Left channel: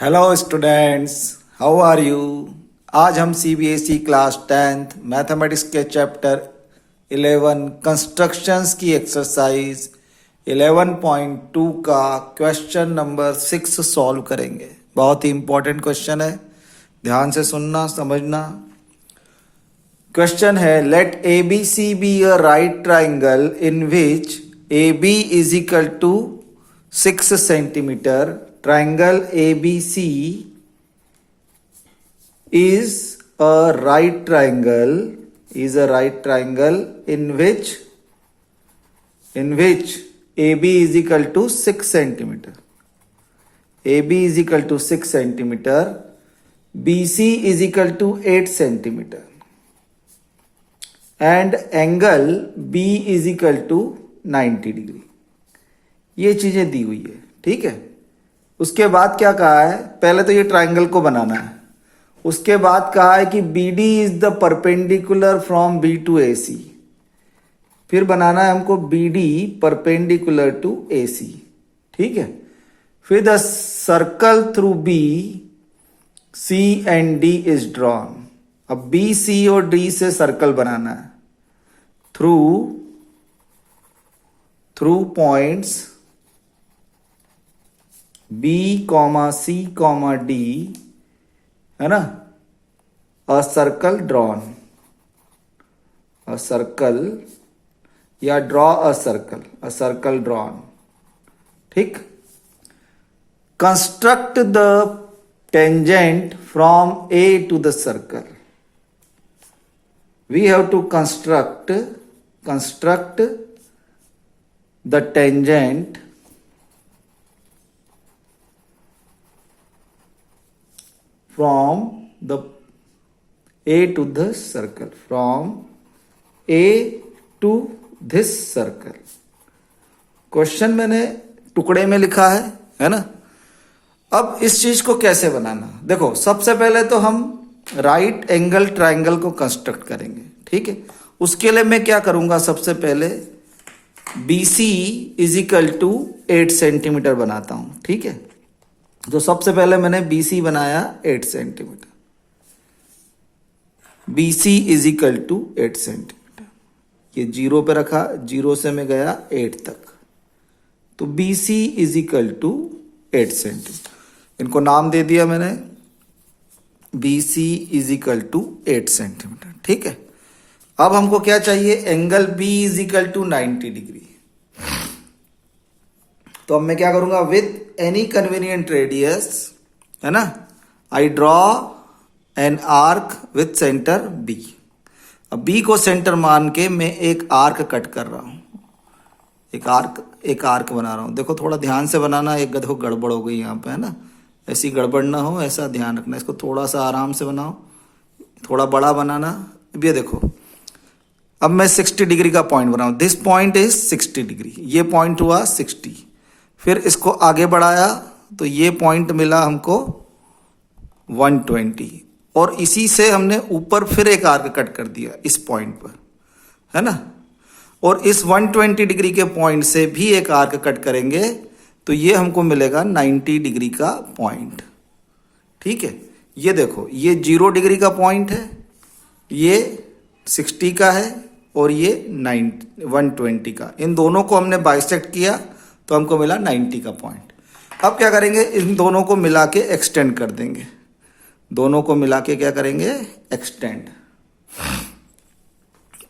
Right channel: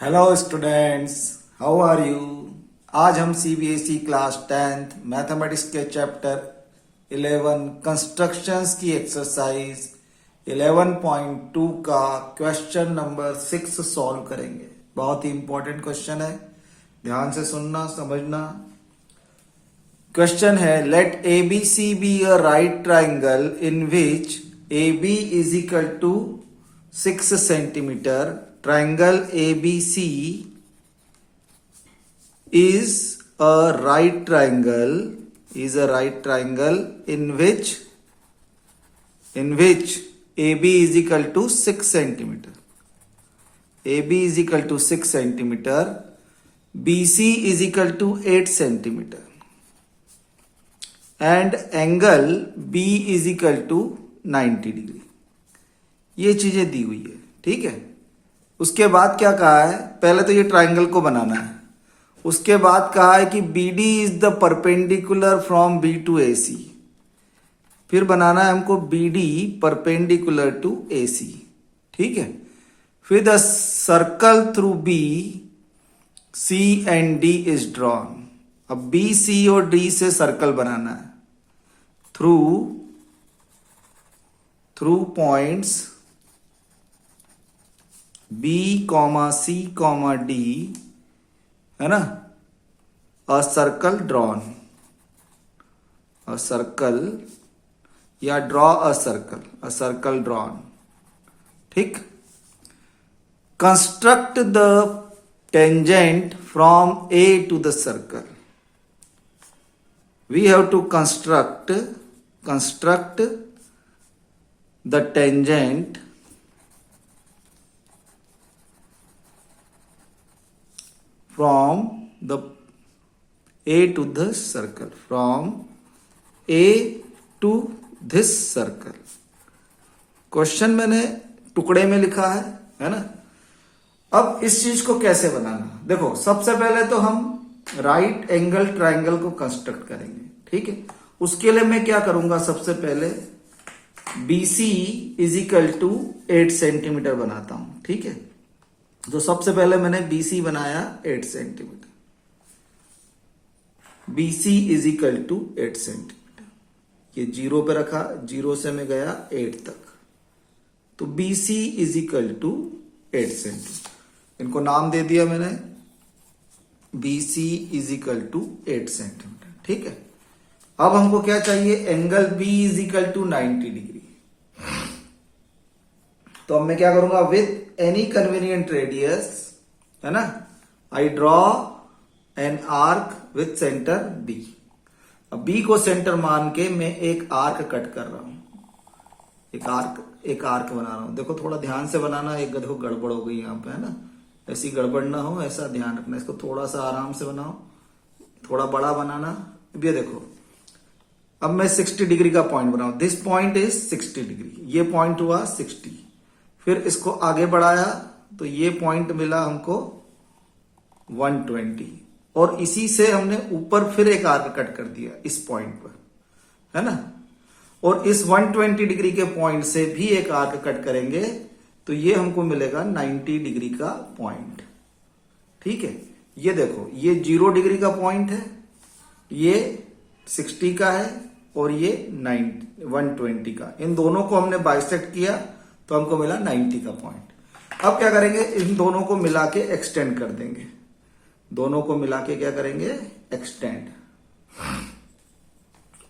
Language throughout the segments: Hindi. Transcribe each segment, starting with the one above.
Hello students, how are you. आज हम सीबीएसई क्लास 10th मैथमेटिक्स के चैप्टर 11 कंस्ट्रक्शंस की एक्सरसाइज 11.2 का क्वेश्चन नंबर 6 सॉल्व करेंगे। बहुत ही इंपॉर्टेंट क्वेश्चन है, ध्यान से सुनना समझना। क्वेश्चन है, let A B C be a right triangle in which A B is equal to 6 centimetre. Triangle ABC is a right triangle in which AB is equal to 6 centimeter. AB is equal to 6 centimeter. BC is equal to 8 centimeter. And angle B is equal to 90 degree. ये चीजें दी हुई है, ठीक है। उसके बाद क्या कहा है, पहले तो ये ट्राइंगल को बनाना है। उसके बाद कहा है कि BD is the perpendicular from B to AC। फिर बनाना है हमको BD परपेंडिकुलर टू AC, ठीक है। फिर the circle through B C and D is drawn. अब B C और D से सर्कल बनाना है through points B, C, D, है ना। A circle drawn, a circle या ड्रॉ अ सर्कल ड्रॉन, ठीक। Construct the tangent from A to the circle. We have to construct the tangent from the A to the circle, from A to this circle. Question मैंने टुकड़े में लिखा है ना। अब इस चीज को कैसे बनाना, देखो सबसे पहले तो हम राइट एंगल ट्राइंगल को कंस्ट्रक्ट करेंगे, ठीक है। उसके लिए मैं क्या करूंगा, सबसे पहले BC is equal to 8 centimetre बनाता हूं, ठीक है। तो सबसे पहले मैंने BC बनाया 8 centimetre. BC is equal to 8 centimetre. ये 0 पे रखा, 0 से मैं गया 8 तक, तो BC is equal to 8 centimetre. इनको नाम दे दिया मैंने, BC is equal to 8 centimetre, ठीक है। अब हमको क्या चाहिए, angle B is equal to 90 degree. तो अब मैं क्या करूंगा, विथ एनी कन्वीनियंट रेडियस, है ना, I draw an arc with centre B। अब B को सेंटर मान के मैं एक आर्क कट कर रहा हूं, एक आर्क बना रहा हूं। देखो थोड़ा ध्यान से बनाना, एक देखो गड़बड़ हो गई यहां पे, है ना। ऐसी गड़बड़ ना हो, ऐसा ध्यान रखना। इसको थोड़ा सा आराम से बनाओ, थोड़ा बड़ा बनाना। ये देखो, अब मैं 60 डिग्री का पॉइंट बनाऊं। दिस पॉइंट इज 60 डिग्री, ये पॉइंट हुआ 60। फिर इसको आगे बढ़ाया तो ये पॉइंट मिला हमको 120, और इसी से हमने ऊपर फिर एक आर्क कट कर दिया इस पॉइंट पर, है ना। और इस 120 डिग्री के पॉइंट से भी एक आर्क कट करेंगे तो ये हमको मिलेगा 90 डिग्री का पॉइंट, ठीक है। ये देखो, ये 0 डिग्री का पॉइंट है, ये 60 का है, और ये 120 का। इन दोनों को हमने बाइसेक्ट किया तो हमको मिला 90 का पॉइंट। अब क्या करेंगे, इन दोनों को मिला के एक्सटेंड कर देंगे। दोनों को मिला के क्या करेंगे, एक्सटेंड।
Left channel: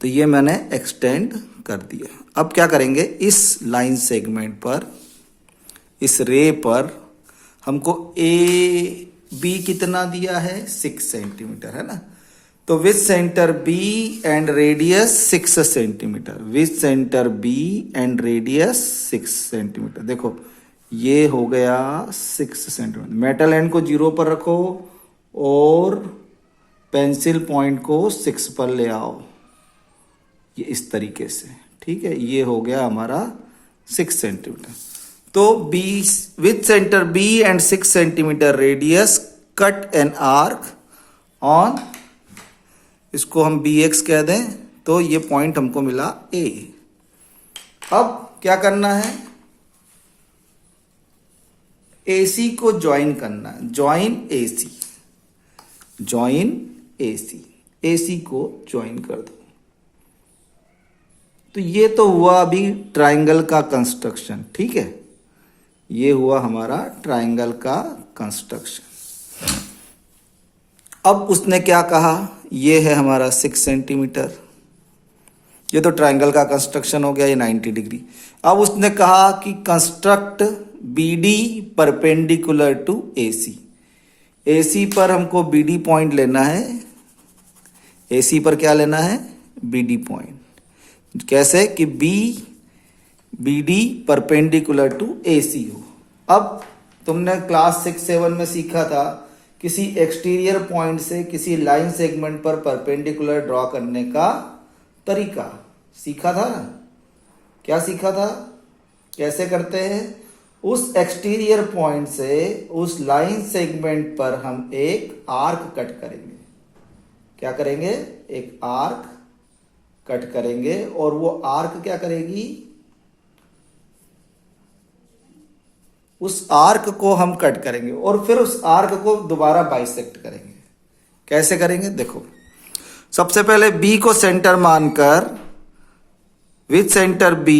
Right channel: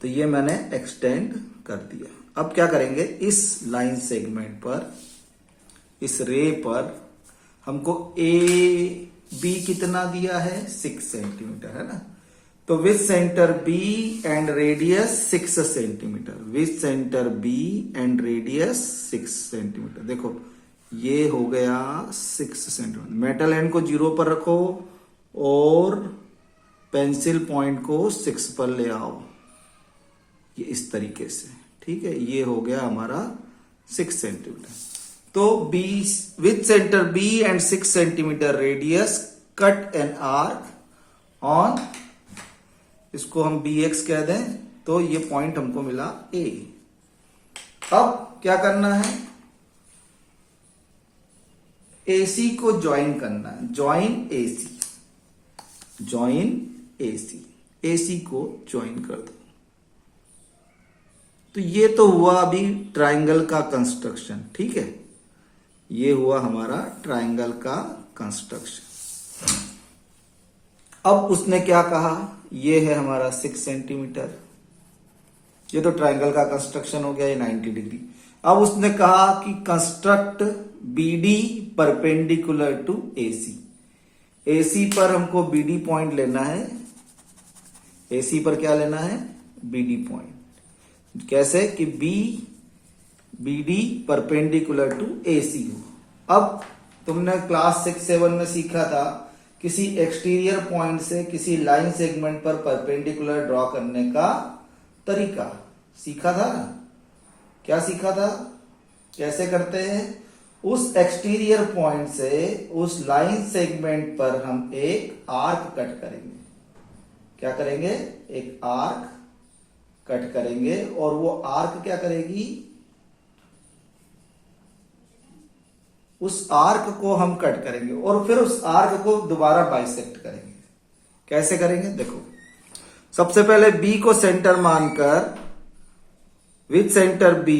तो ये मैंने एक्सटेंड कर दिया। अब क्या करेंगे, इस लाइन सेगमेंट पर, इस रे पर हमको AB कितना दिया है, 6 सेंटीमीटर, है ना। तो with centre B and radius 6 centimetre, with centre B and radius 6 centimetre. देखो ये हो गया 6 सेंटीमीटर। मेटल एंड को 0 पर रखो और पेंसिल पॉइंट को 6 पर ले आओ, ये इस तरीके से, ठीक है। ये हो गया हमारा 6 सेंटीमीटर। तो B with centre B and 6 centimetre radius cut an arc on, इसको हम BX कह दें, तो ये पॉइंट हमको मिला A। अब क्या करना है, AC को ज्वाइन करना है, join AC, join AC, AC को ज्वाइन कर दो। तो ये तो हुआ अभी ट्रायंगल का कंस्ट्रक्शन, ठीक है, ये हुआ हमारा ट्रायंगल का कंस्ट्रक्शन। अब उसने क्या कहा, ये है हमारा 6 सेंटीमीटर, ये तो ट्रायंगल का कंस्ट्रक्शन हो गया, ये 90 डिग्री। अब उसने कहा कि construct BD perpendicular to AC, AC पर हमको BD पॉइंट लेना है, AC पर क्या लेना है, BD पॉइंट। कैसे कि BD परपेंडिकुलर टू AC हो। अब तुमने क्लास 6-7 में सीखा था किसी एक्सटीरियर पॉइंट से किसी लाइन सेगमेंट पर परपेंडिकुलर ड्रॉ करने का तरीका सीखा था ना, क्या सीखा था, कैसे करते हैं, उस एक्सटीरियर पॉइंट से उस लाइन सेगमेंट पर हम एक आर्क कट करेंगे। क्या करेंगे, एक आर्क कट करेंगे, और वो आर्क क्या करेगी, उस आर्क को हम कट करेंगे और फिर उस आर्क को दोबारा बाइसेक्ट करेंगे। कैसे करेंगे, देखो सबसे पहले B को सेंटर मानकर with centre B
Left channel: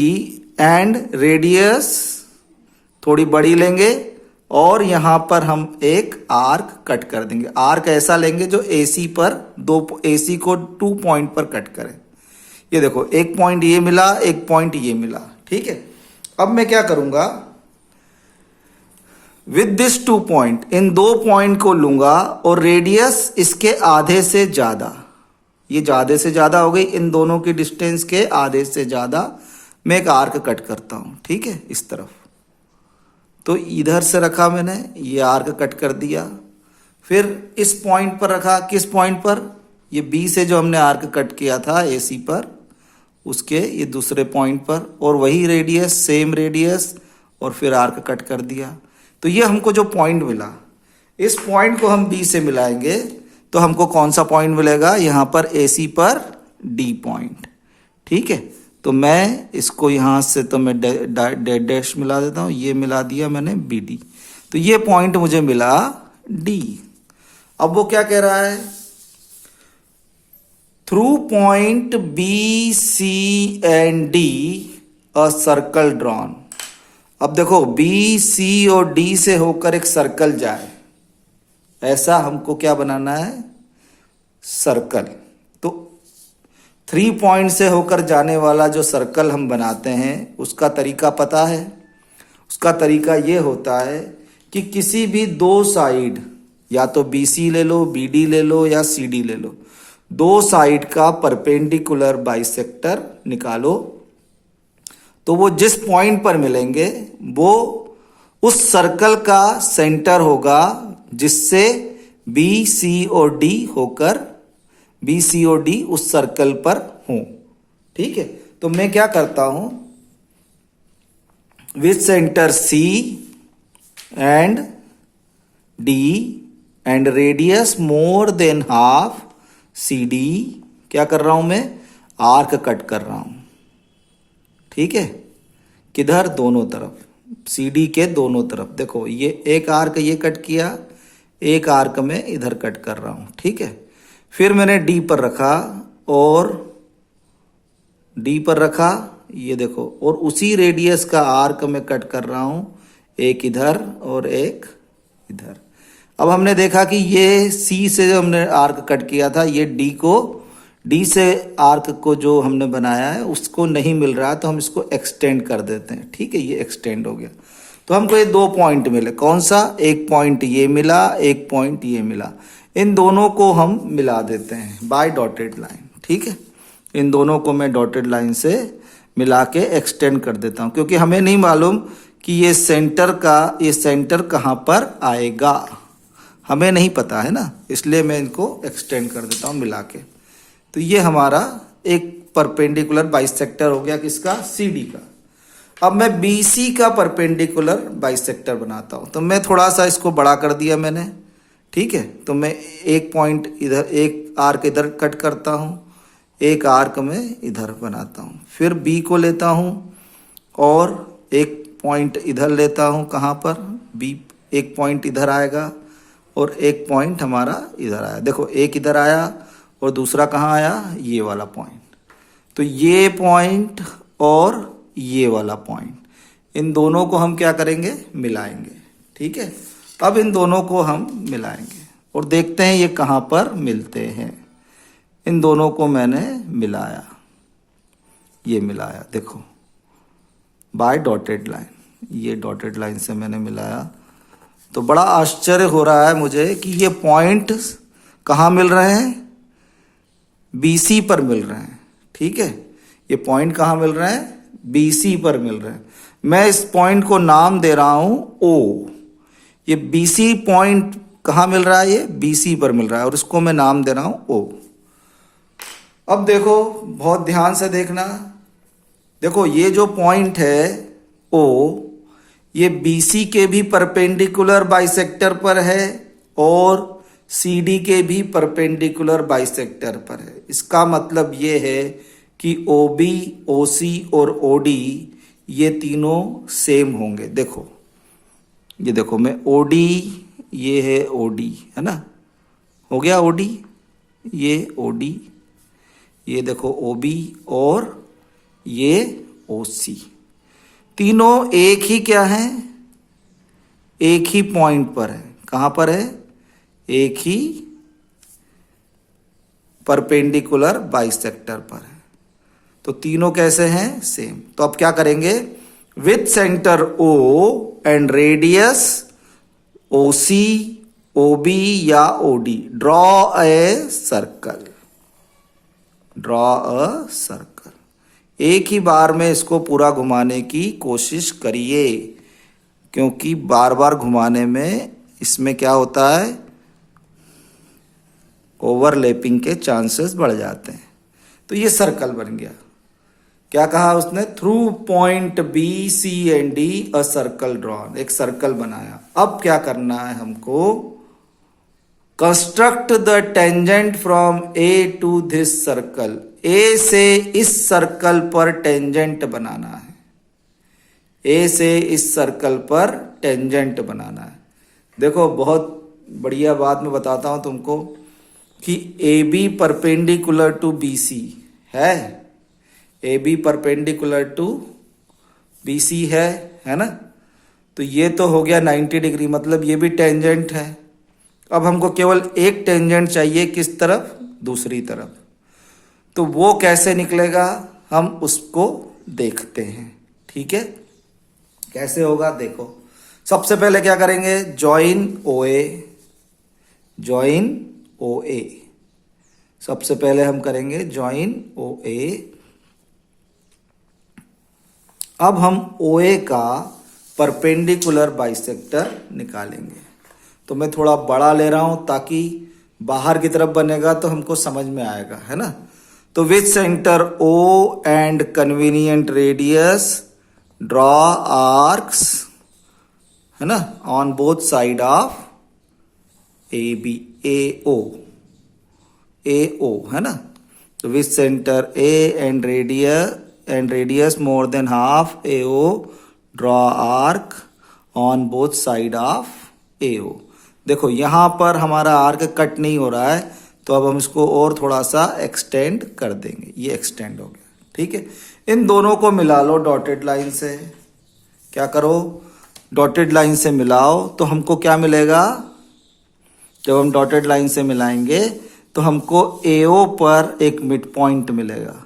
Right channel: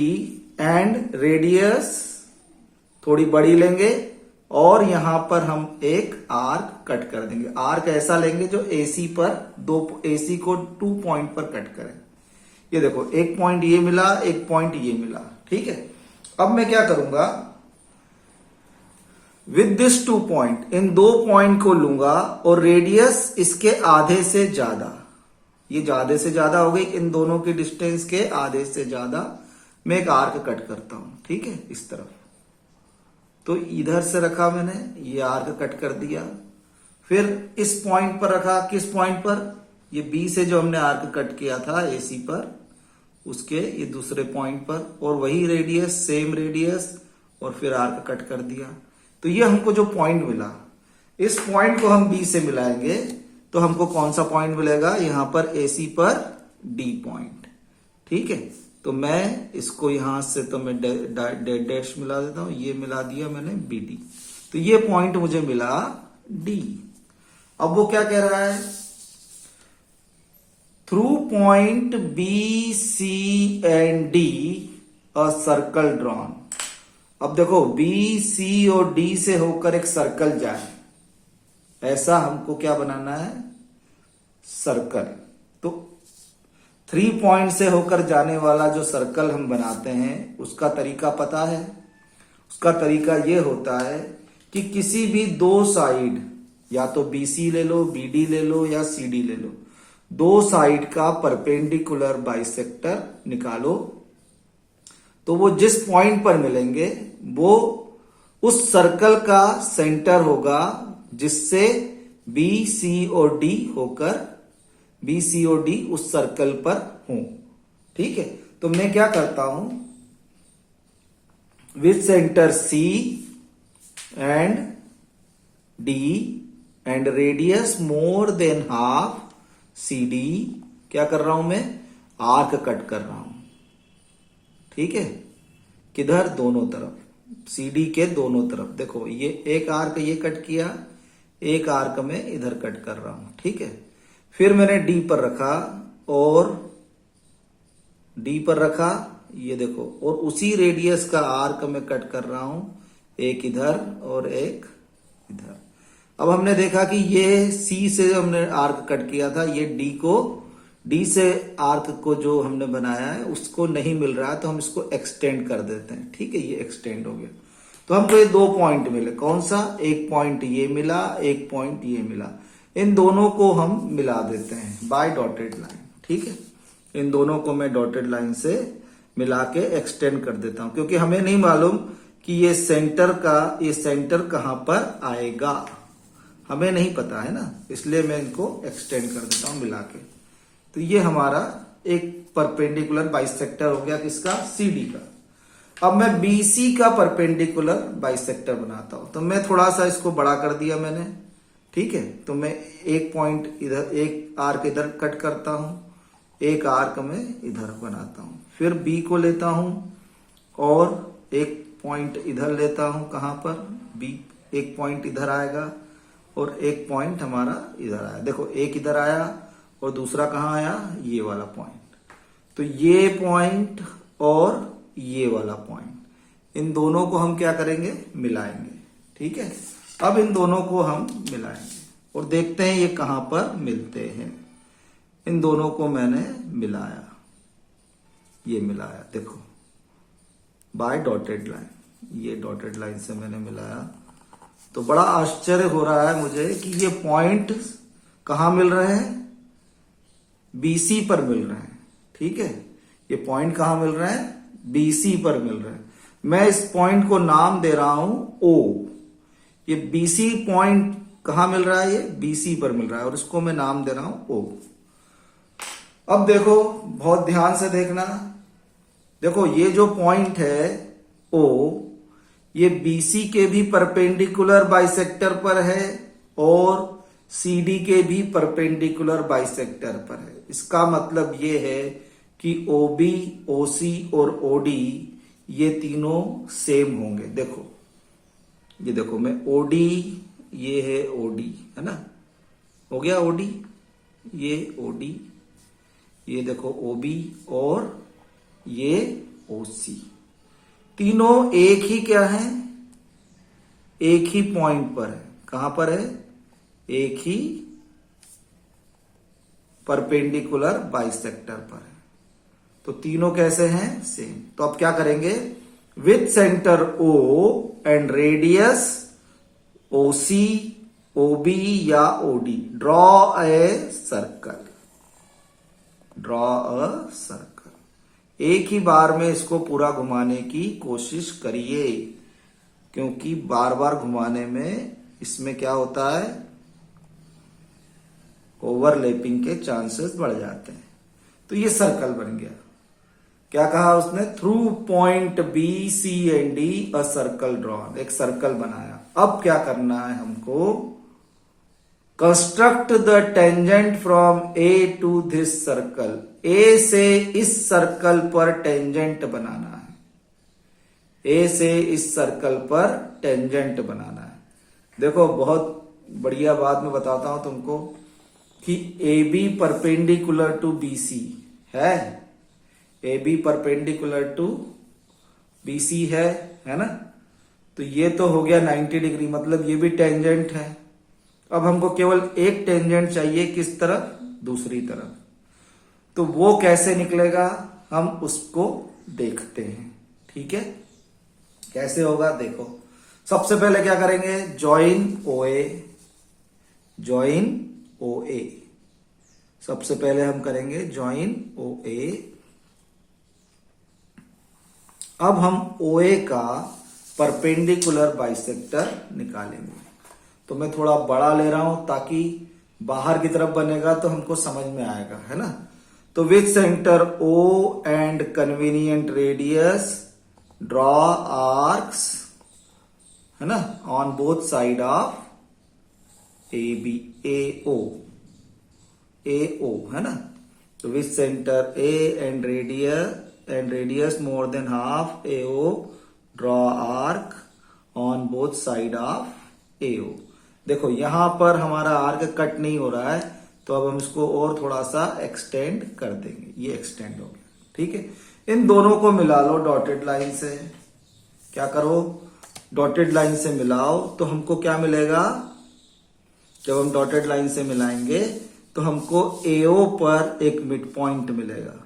and radius थोड़ी बड़ी लेंगे और यहां पर हम एक आर्क कट कर देंगे। आर्क ऐसा लेंगे जो AC पर AC को 2 पॉइंट पर कट करें। ये देखो एक पॉइंट ये मिला, एक पॉइंट ये मिला, ठीक है। अब मैं क्या करूंगा, with this 2 point, in 2 point को लूंगा और रेडियस इसके आधे से ज्यादा, ये ज्यादा से ज्यादा हो गई, इन दोनों की डिस्टेंस के आधे से ज्यादा मैं एक आर्क कट करता हूं, ठीक है, इस तरफ। तो इधर से रखा मैंने, ये आर्क कट कर दिया, फिर इस पॉइंट पर रखा, किस पॉइंट पर, ये B से जो हमने आर्क कट किया था AC पर, उसके ये दूसरे पॉइंट पर, और वही रेडियस, सेम रेडियस, और फिर आर्क कट कर दिया। तो ये हमको जो पॉइंट मिला, इस पॉइंट को हम B से मिलाएंगे तो हमको कौन सा पॉइंट मिलेगा, यहां पर AC पर D पॉइंट, ठीक है। तो मैं इसको यहां से तो मैं डैश मिला देता हूं, ये मिला दिया मैंने BD, तो ये पॉइंट मुझे मिला D। अब वो क्या कह रहा है, through point BC and D a circle drawn. अब देखो BC और D से होकर एक सर्कल जाए, ऐसा हमको क्या बनाना है, सर्कल। तो 3 पॉइंट से होकर जाने वाला जो सर्कल हम बनाते हैं उसका तरीका पता है। उसका तरीका ये होता है कि किसी भी 2 साइड, या तो BC ले लो, BD ले लो या CD ले लो, 2 साइड का परपेंडिकुलर बाइसेक्टर निकालो, तो वो जिस पॉइंट पर मिलेंगे वो उस सर्कल का सेंटर होगा जिससे BC और D होकर BC और D उस सर्कल पर हों, ठीक है। तो मैं क्या करता हूं, with centre C and D and radius more than half CD, क्या कर रहा हूं मैं, आर्क कट कर रहा हूं, ठीक है। किधर, दोनों तरफ, CD के दोनों तरफ। देखो ये एक आर्क ये कट किया, एक आर्क में इधर कट कर रहा हूं, ठीक है। फिर मैंने D पर रखा और D पर रखा, ये देखो, और उसी रेडियस का आर्क में कट कर रहा हूं, एक इधर और एक इधर। अब हमने देखा कि ये C से हमने आर्क कट किया था, ये D से आर्क को जो हमने बनाया है उसको नहीं मिल रहा, तो हम इसको एक्सटेंड कर देते हैं, ठीक है, ये एक्सटेंड हो गया। तो हमको ये 2 पॉइंट मिले, कौन सा, एक पॉइंट ये मिला, एक पॉइंट ये मिला, इन दोनों को हम मिला देते हैं बाय डॉटेड लाइन, ठीक है। इन दोनों को मैं डॉटेड लाइन से मिला के एक्सटेंड कर देता हूं, क्योंकि हमें नहीं मालूम कि ये सेंटर कहां पर आएगा, हमें नहीं पता है ना, इसलिए मैं इनको एक्सटेंड कर देता हूं मिला के। तो ये हमारा एक परपेंडिकुलर बाइसेक्टर हो गया, किसका, CD का। अब मैं BC का परपेंडिकुलर बाइसेक्टर बनाता हूं, तो मैं थोड़ा सा इसको बड़ा कर दिया मैंने, ठीक है। तो मैं एक पॉइंट इधर, एक आर्क इधर कट करता हूं, एक आर्क में इधर बनाता हूं, फिर B को लेता हूं और एक पॉइंट इधर लेता हूं, कहां पर, B एक पॉइंट इधर आएगा और एक पॉइंट हमारा इधर आया। देखो एक इधर आया और दूसरा कहाँ आया, ये वाला पॉइंट। तो ये पॉइंट और ये वाला पॉइंट, इन दोनों को हम क्या करेंगे, मिलाएंगे। ठीक है, अब इन दोनों को हम मिलाएंगे और देखते हैं ये कहाँ पर मिलते हैं। इन दोनों को मैंने मिलाया, ये मिलाया, देखो बाय डॉटेड लाइन, ये डॉटेड लाइन से मैंने मिलाया। तो बड़ा आश्चर्य हो रहा है मुझे कि ये पॉइंट कहाँ मिल रहे हैं, BC पर मिल रहे हैं। ठीक है, ये पॉइंट कहाँ मिल रहे हैं, BC पर मिल रहे हैं। मैं इस पॉइंट को नाम दे रहा हूं O। ये BC पॉइंट कहाँ मिल रहा है, ये BC पर मिल रहा है और इसको मैं नाम दे रहा हूं O। अब देखो, बहुत ध्यान से देखना, देखो ये जो पॉइंट है O, ये BC के भी परपेंडिकुलर बाइसेक्टर पर है और CD के भी परपेंडिकुलर बाइसेक्टर पर है। इसका मतलब ये है कि OB, OC और OD ये तीनों सेम होंगे। देखो ये देखो, मैं OD, ये है OD, है ना, हो गया OD, ये OD, ये देखो OB और ये OC, तीनों एक ही क्या है, एक ही पॉइंट पर है। कहां पर है, एक ही परपेंडिकुलर बाइसेक्टर पर है। तो तीनों कैसे हैं, सेम। तो अब क्या करेंगे, with centre O and radius OC, OB या OD, draw a circle, draw a circle. एक ही बार में इसको पूरा घुमाने की कोशिश करिए, क्योंकि बार बार घुमाने में इसमें क्या होता है, ओवरलैपिंग के चांसेस बढ़ जाते हैं। तो ये सर्कल बन गया। क्या कहा उसने, through point B, C and D a circle drawn, एक सर्कल बनाया। अब क्या करना है हमको, construct the tangent from A to this circle. A से इस सर्कल पर टेंजेंट बनाना है, A से इस सर्कल पर टेंजेंट बनाना है। देखो बहुत बढ़िया बात मैं बताता हूं तुमको कि AB परपेंडिकुलर टू BC है, AB परपेंडिकुलर टू BC है ना। तो ये तो हो गया 90 डिग्री, मतलब ये भी टेंजेंट है। अब हमको केवल एक टेंजेंट चाहिए, किस तरफ, दूसरी तरफ। तो वो कैसे निकलेगा, हम उसको देखते हैं। ठीक है, कैसे होगा देखो। सबसे पहले क्या करेंगे, ज्वाइन OA, ज्वाइन OA, सबसे पहले हम करेंगे ज्वाइन OA। अब हम OA का परपेंडिकुलर बाइसेक्टर निकालेंगे। तो मैं थोड़ा बड़ा ले रहा हूं ताकि बाहर की तरफ बनेगा तो हमको समझ में आएगा, है ना। तो with centre O and convenient radius draw arcs, है ना, on both side of AB, AO है ना। तो with centre A and radius more than half AO draw arc on both side of AO। देखो यहां पर हमारा आर्क कट नहीं हो रहा है, तो अब हम इसको और थोड़ा सा एक्सटेंड कर देंगे। ये एक्सटेंड हो गया। ठीक है, इन दोनों को मिला लो डॉटेड लाइन से। क्या करो, डॉटेड लाइन से मिलाओ तो हमको क्या मिलेगा, जब हम डॉटेड लाइन से मिलाएंगे तो हमको AO पर एक मिड पॉइंट मिलेगा।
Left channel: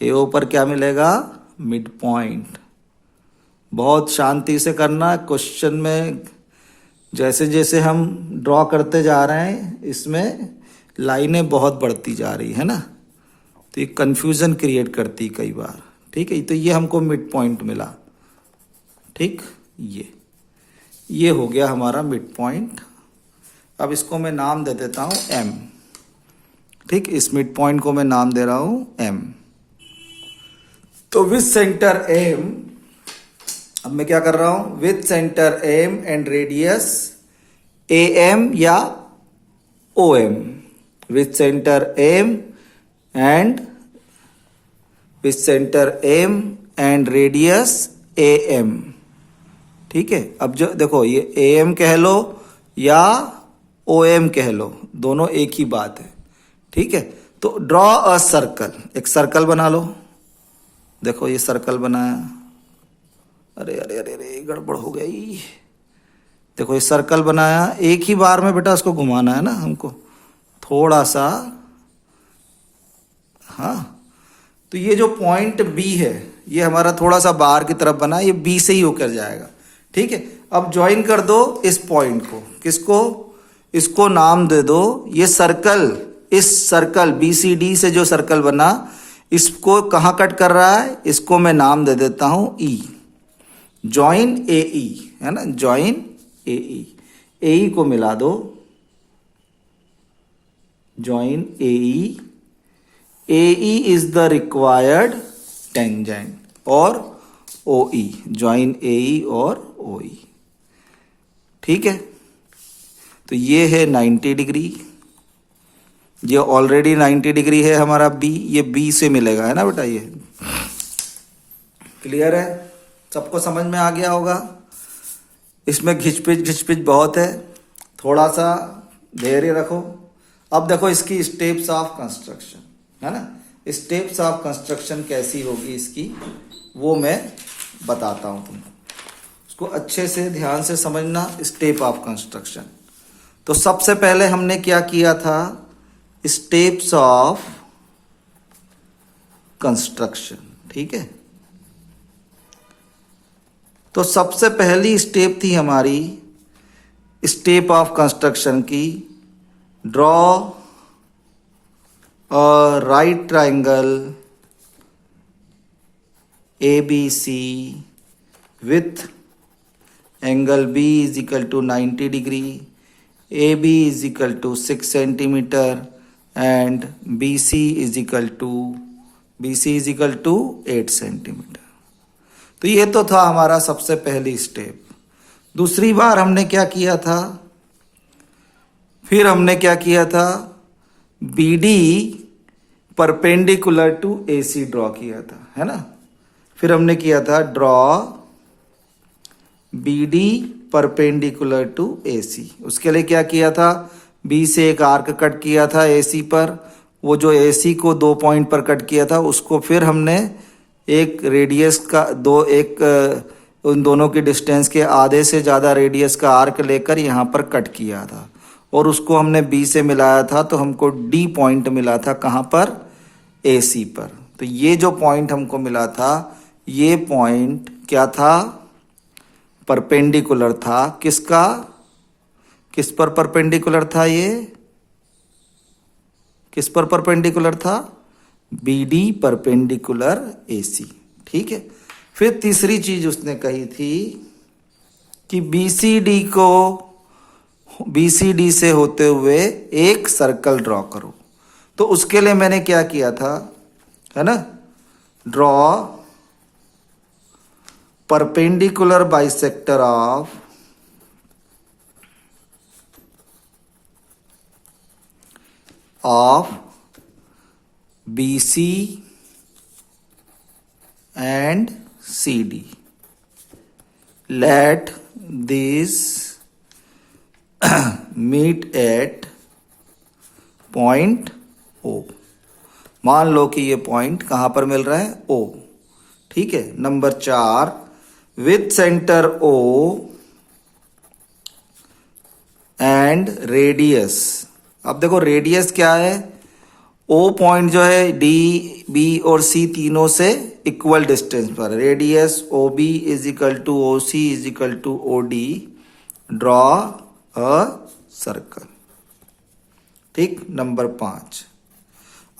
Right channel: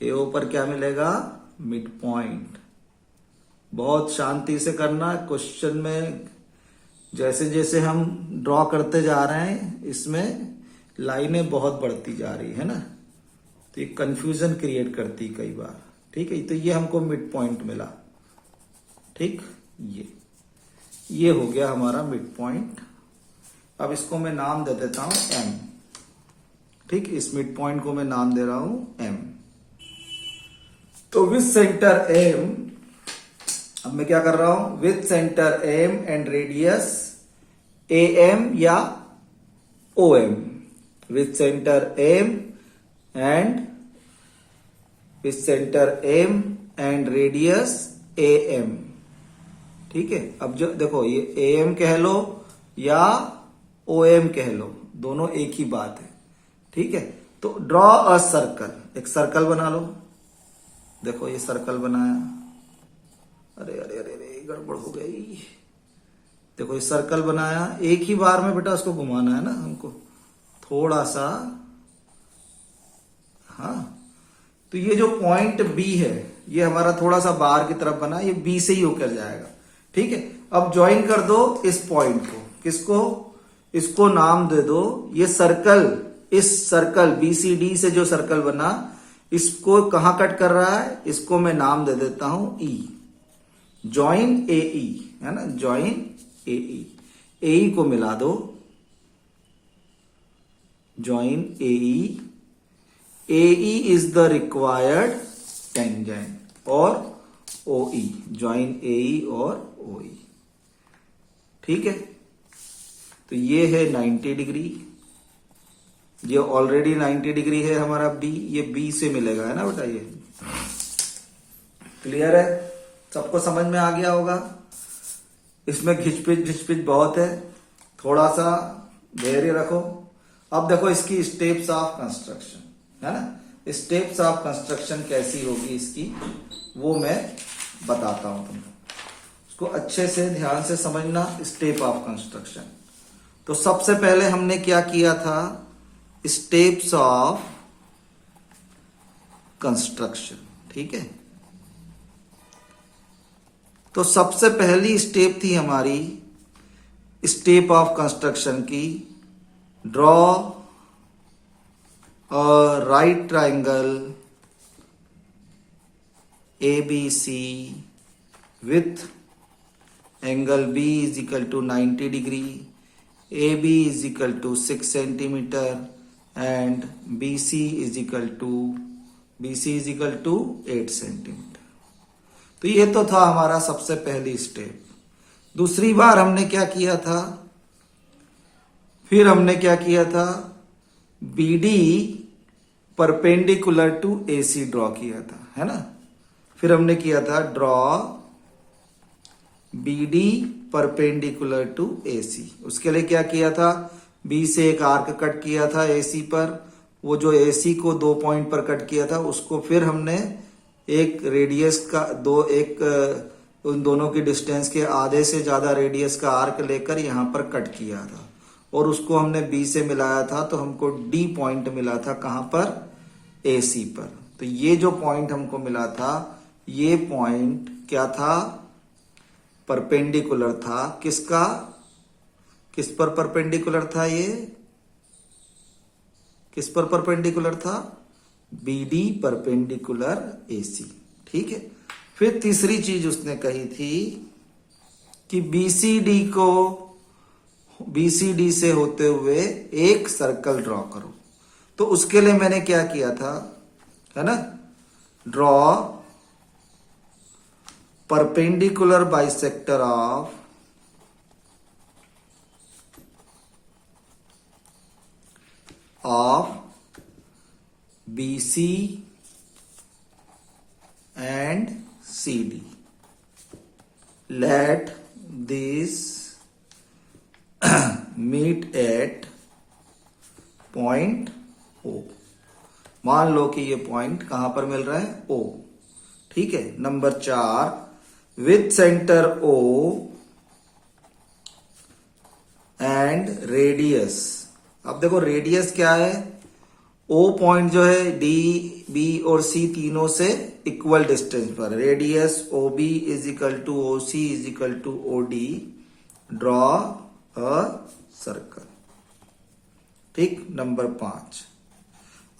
AO पर क्या मिलेगा, मिड पॉइंट। बहुत शांति से करना, क्वेश्चन में जैसे जैसे हम ड्रॉ करते जा रहे हैं इसमें लाइनें बहुत बढ़ती जा रही है ना, तो ये कंफ्यूजन क्रिएट करती कई बार। ठीक है, तो ये हमको मिड पॉइंट मिला। ठीक, ये हो गया हमारा मिड पॉइंट। अब इसको मैं नाम दे देता हूं M। ठीक, इस मिड पॉइंट को मैं नाम दे रहा हूं M। तो विथ सेंटर M, अब मैं क्या कर रहा हूं, with centre M and radius AM या OM, with centre M and radius AM, ठीक है, अब जो देखो ये AM कह लो या OM कह लो, दोनों एक ही बात है। ठीक है, तो ड्रॉ अ सर्कल, एक सर्कल बना लो। देखो ये सर्कल बनाया, अरे अरे अरे अरे गड़बड़ हो गई। देखो ये सर्कल बनाया, एक ही बार में बेटा उसको घुमाना है ना हमको, थोड़ा सा। हाँ, तो ये जो पॉइंट B है ये हमारा थोड़ा सा बाहर की तरफ बना, ये B से ही होकर जाएगा। ठीक है, अब ज्वाइन कर दो इस पॉइंट को, किसको, इसको नाम दे दो, ये सर्कल, इस सर्कल BCD से जो सर्कल बना इसको कहाँ कट कर रहा है, इसको मैं नाम दे देता हूं E, ज्वाइन AE है ना, ज्वाइन AE, AE को मिला दो, join AE, AE is the required tangent, और OE, ज्वाइन AE और OE। ठीक है, तो ये है 90 डिग्री, ये ऑलरेडी 90 डिग्री है हमारा B, ये B से मिलेगा है ना बेटा, ये क्लियर है, सबको समझ में आ गया होगा। इसमें घिचपिच बहुत है, थोड़ा सा धैर्य रखो। अब देखो इसकी स्टेप्स ऑफ कंस्ट्रक्शन है ना, स्टेप्स ऑफ कंस्ट्रक्शन कैसी होगी इसकी, वो मैं बताता हूं तुमको, इसको अच्छे से ध्यान से समझना। स्टेप ऑफ कंस्ट्रक्शन, तो सबसे पहले हमने क्या किया था, स्टेप्स ऑफ कंस्ट्रक्शन। ठीक है, तो सबसे पहली स्टेप थी हमारी स्टेप ऑफ कंस्ट्रक्शन की, draw a right triangle ABC with angle B is equal to 90 degree, AB is equal to 6 centimeter and BC is equal to 8 centimeter। तो ये तो था हमारा सबसे पहली स्टेप। दूसरी बार हमने क्या किया था, फिर हमने क्या किया था, BD perpendicular to AC draw किया था, है ना। फिर हमने किया था draw BD perpendicular to AC। उसके लिए क्या किया था, B से एक आर्क कट किया था AC पर, वो जो AC को 2 पॉइंट पर कट किया था उसको फिर हमने एक रेडियस का उन दोनों की डिस्टेंस के आधे से ज़्यादा रेडियस का आर्क लेकर यहाँ पर कट किया था, और उसको हमने B से मिलाया था, तो हमको D पॉइंट मिला था कहाँ पर, AC पर। तो ये जो पॉइंट हमको मिला था, ये पॉइंट क्या था, परपेंडिकुलर था, किसका, किस पर परपेंडिकुलर था, ये किस पर परपेंडिकुलर था, BD परपेंडिकुलर AC। ठीक है, फिर तीसरी चीज उसने कही थी कि BCD से होते हुए एक सर्कल ड्रॉ करो। तो उसके लिए मैंने क्या किया था, है ना, draw perpendicular bisector of BC and CD, let this meet at point O। मान लो कि ये पॉइंट कहां पर मिल रहा है, O। ठीक है, number 4, with centre O and radius. अब देखो रेडियस क्या है, O पॉइंट जो है D, B और C तीनों से इक्वल डिस्टेंस पर, radius OB is equal to OC is equal to OD, draw a circle. ठीक, नंबर 5।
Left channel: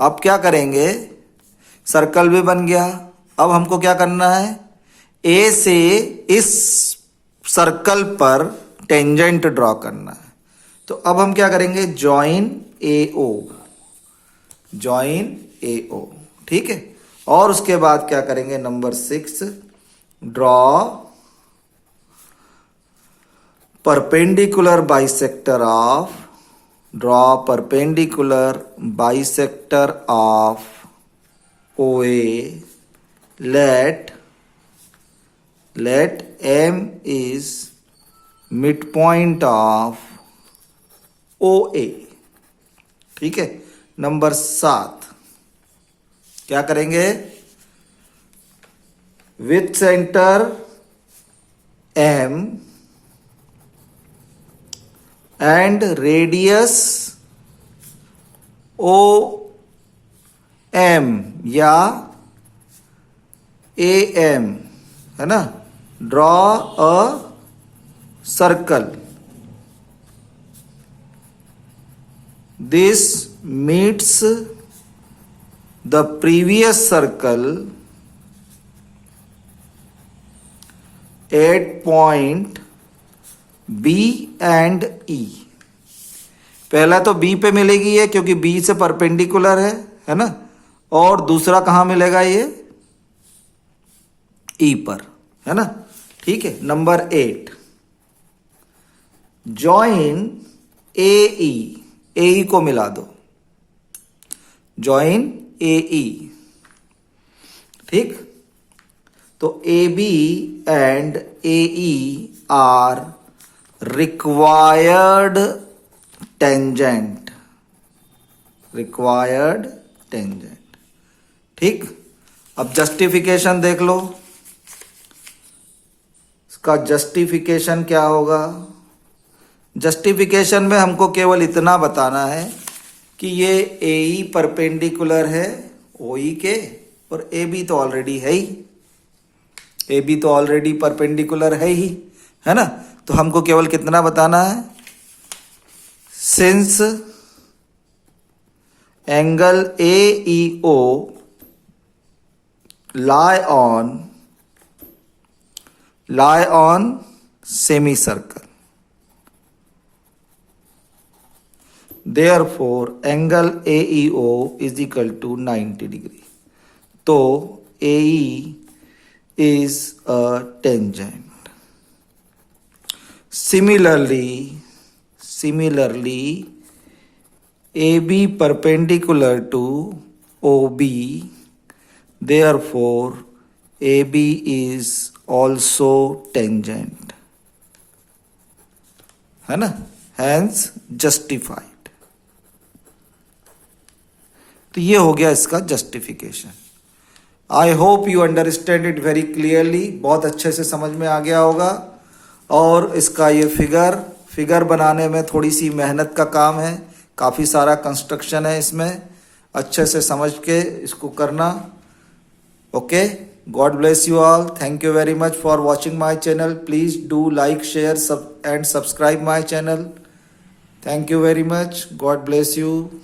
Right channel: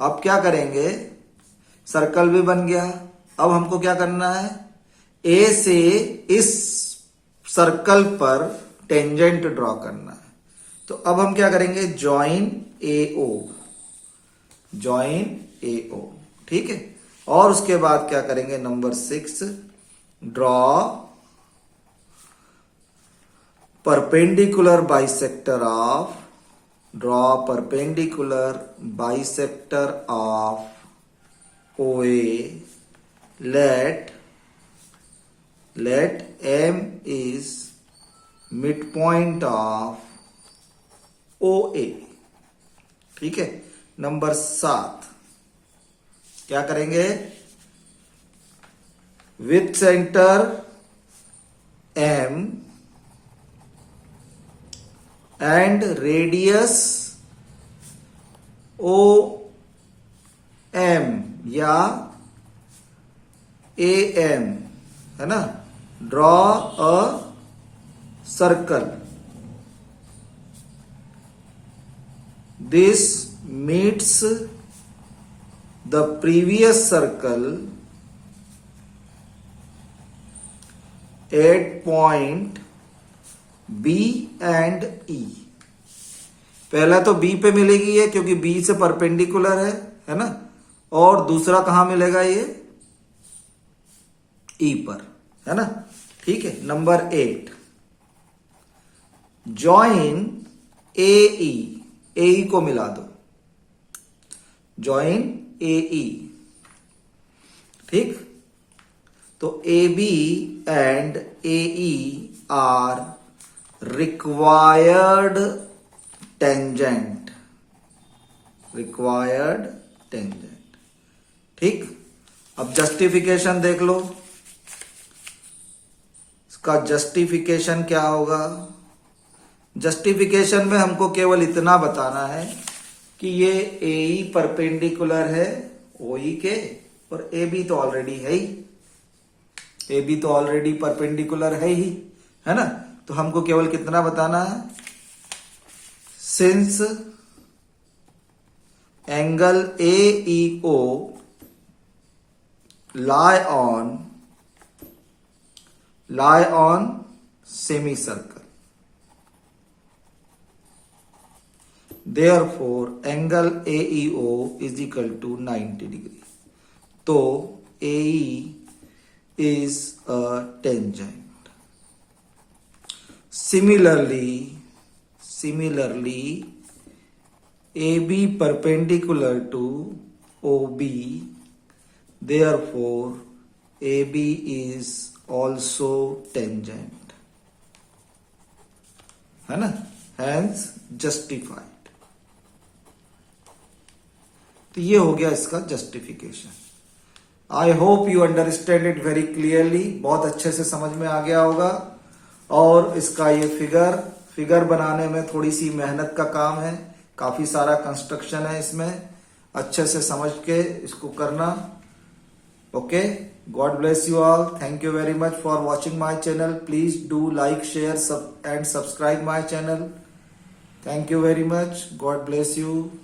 अब क्या करेंगे, सर्कल भी बन गया, अब हमको क्या करना है, A से इस सर्कल पर टेंजेंट ड्रॉ करना है। तो अब हम क्या करेंगे, ज्वाइन AO, ज्वाइन AO। ठीक है, और उसके बाद क्या करेंगे, number 6, draw perpendicular bisector of OA, let let M is midpoint of OA। ठीक है। नंबर 7 क्या करेंगे, with centre M and radius OM या AM, है ना, draw a circle. This meets the previous circle at point B and E। पहला तो B पे मिलेगी ये, क्योंकि B से परपेंडिकुलर है ना, और दूसरा कहां मिलेगा ये, E पर, है ना। ठीक है। नंबर 8, जॉइन AE, AE को मिला दो, जॉइन AE। ठीक। तो AB and AE are required tangent, required tangent. ठीक। अब जस्टिफिकेशन देख लो, इसका जस्टिफिकेशन क्या होगा। जस्टिफिकेशन में हमको केवल इतना बताना है कि ये AE परपेंडिकुलर है OE के, और AB तो ऑलरेडी है ही, AB तो ऑलरेडी परपेंडिकुलर है ही, है ना। तो हमको केवल कितना बताना है, since angle AEO lie on semicircle, therefore angle AEO is equal to 90 degree। तो AE is a tangent। Similarly AB perpendicular to OB, therefore AB is also tangent, है ना, hence justified। तो ये हो गया इसका justification. I hope you understand it very clearly, बहुत अच्छे से समझ में आ गया होगा। और इसका ये फिगर बनाने में थोड़ी सी मेहनत का काम है, काफ़ी सारा कंस्ट्रक्शन है इसमें, अच्छे से समझ के इसको करना। Okay, God bless you all, thank you very much for watching my channel. Please do like, share and subscribe my channel. Thank you very much, God bless you.